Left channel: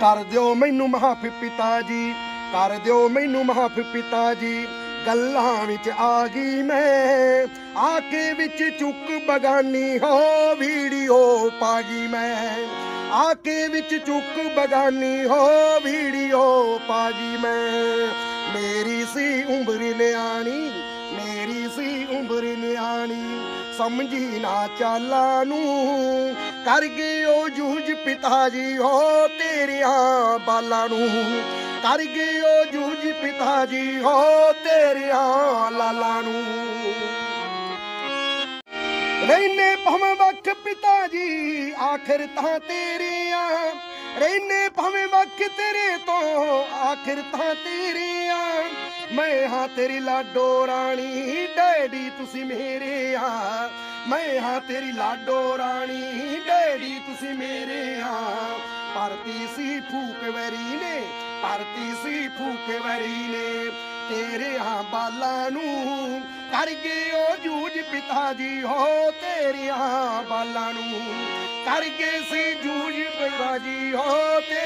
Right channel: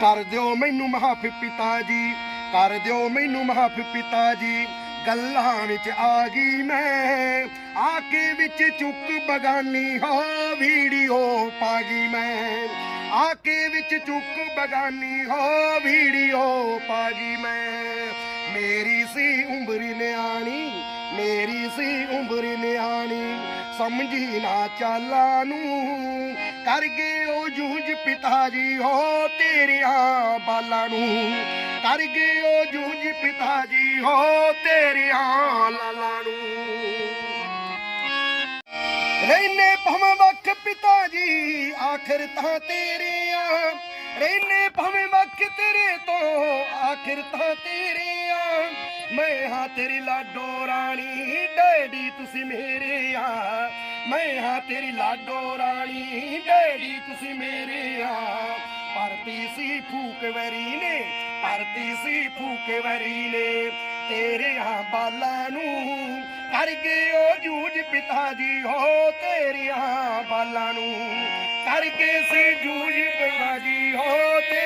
ਕਰ ਦਿਓ ਮੈਨੂੰ ਮਾਫ ਪਿਤਾ ਜੀ, ਕਰ ਦਿਓ ਮੈਨੂੰ ਮਾਫ ਪਿਤਾ ਜੀ। ਗੱਲਾਂ ਵਿੱਚ ਆ ਗਈ ਮੈਂ, ਆਕੇ ਵਿੱਚ ਚੁੱਕ ਬਗਾਨੀ, ਹੋ ਵੀਡੀਓ ਪਾ ਗਈ ਮੈਂ। ਆਕੇ ਵਿੱਚ ਚੁੱਕ ਬਗਾਨੀ, ਹੋ ਵੀਡੀਓ ਪਾ ਗਈ ਮੈਂ। ਮੇਰੀ ਸੀ ਉਮਰ ਨਿਆਣੀ ਸਮਝੀ ਨਾ ਚਾਲਾਂ ਨੂੰ ਕਰ ਗਏ ਉਹ ਜੂਝ ਪਿਤਾ ਜੀ ਹੋ ਤੇਰਿਆਂ ਬਾਲਾਂ ਨੂੰ। ਕਰ ਗਏ ਉਹ ਜੂਝ ਪਿਤਾ ਜੀ ਹੋ ਤੇਰਿਆਂ ਲਾਲਾਂ ਨੂੰ। ਰਹਿਨੇ ਭਵੇਂ ਵਕਤ ਪਿਤਾ ਜੀ ਆਖਰ ਤਾਂ ਤੇਰੇ ਆ। ਰਹਿਨੇ ਭਵੇਂ ਵਕਤ ਤੇਰੇ ਤੋਂ, ਆਖਰ ਤਾਂ ਤੇਰੇ ਮੈਂ ਹਾਂ ਤੇਰੀ ਲਾਡੋ ਰਾਣੀ, ਡੈਡੀ ਤੁਸੀਂ ਮੇਰੇ ਆ। ਮੈਂ ਹਾਂ ਤੇਰੀ ਲਾਡੋ ਰਾਣੀ, ਡੈਡੀ ਤੁਸੀਂ ਮੇਰੇ ਆ। ਪਰਤੀ ਸੀ ਫੂਕ ਵਰੀ ਨੇ ਪਰਤੀ ਸੀ ਫੂਕ ਵਰੀ ਨੇ। ਤੇਰੇ ਹਾਂ ਬਾਲਾਂ ਨੂੰ ਕਰ ਗਏ ਉਹ ਜੂਝ ਪਿਤਾ ਜੀ, ਹੋ ਤੇਰੀਆਂ ਬਾਲਾਂ ਨੂੰ ਕਰ ਗਏ ਸੀ ਜੂਝ ਪਿਤਾ ਜੀ, ਹੋ ਤੇ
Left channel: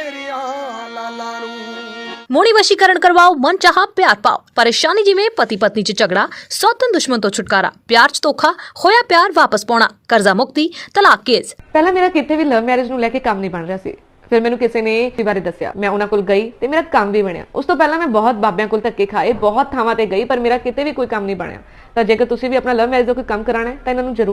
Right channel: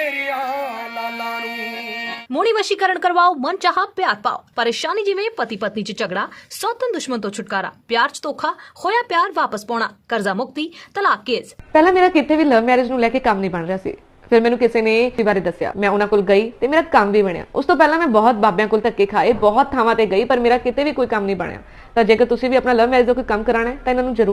ਮੋੜੀ ਵਸ਼ੀਕਰਨ ਕਰਵਾਓ, ਮਨ ਚਾਹਾ, ਪਿਆਰ ਪਾਓ। ਪਰੇਸ਼ਾਨੀ ਜਿਵੇਂ ਪਤੀ ਚ ਝਗੜਾ, ਸੌਤਨ ਦੁਸ਼ਮਣ ਤੋਂ ਛੁਟਕਾਰਾ, ਪਿਆਰ ਚ ਧੋਖਾ, ਹੋਇਆ ਪਿਆਰ ਵਾਪਸ ਪਾਉਣਾ, ਕਰਜ਼ਾ ਮੁਕਤੀ, ਤਲਾਕ ਕੇਸ। ਪਹਿਲਾਂ ਮੇਰਾ ਕਿਤੇ ਵੀ ਲਵ ਮੈਰਿਜ ਨੂੰ ਲੈ ਕੇ ਕੰਮ ਨਹੀਂ ਬਣ ਰਿਹਾ ਸੀ। ਫਿਰ ਮੈਨੂੰ ਕਿਸੇ ਨੇ ਇਸ ਬਾਰੇ ਦੱਸਿਆ। ਮੈਂ ਉਹਨਾਂ ਕੋਲ ਗਈ ਤੇ ਮੇਰਾ ਕੰਮ ਵੀ ਬਣਿਆ। ਉਸ ਤੋਂ ਪਹਿਲਾਂ ਮੈਂ ਬਹੁਤ ਬਾਬਿਆਂ ਕੋਲ ਧੱਕੇ ਖਾਏ, ਬਹੁਤ ਥਾਵਾਂ ਤੇ ਗਈ, ਪਰ ਮੇਰਾ ਕਿਤੇ ਵੀ ਕੋਈ ਕੰਮ ਨਹੀਂ ਬਣਿਆ। ਤਾਂ ਜੇਕਰ ਤੁਸੀਂ ਵੀ ਆਪਣਾ ਲਵ ਮੈਰਿਜ ਦਾ ਕੋਈ ਕੰਮ ਕਰਾਣਾ ਹੈ, ਤਾਂ ਇਹਨਾਂ ਨੂੰ ਜ਼ਰੂਰ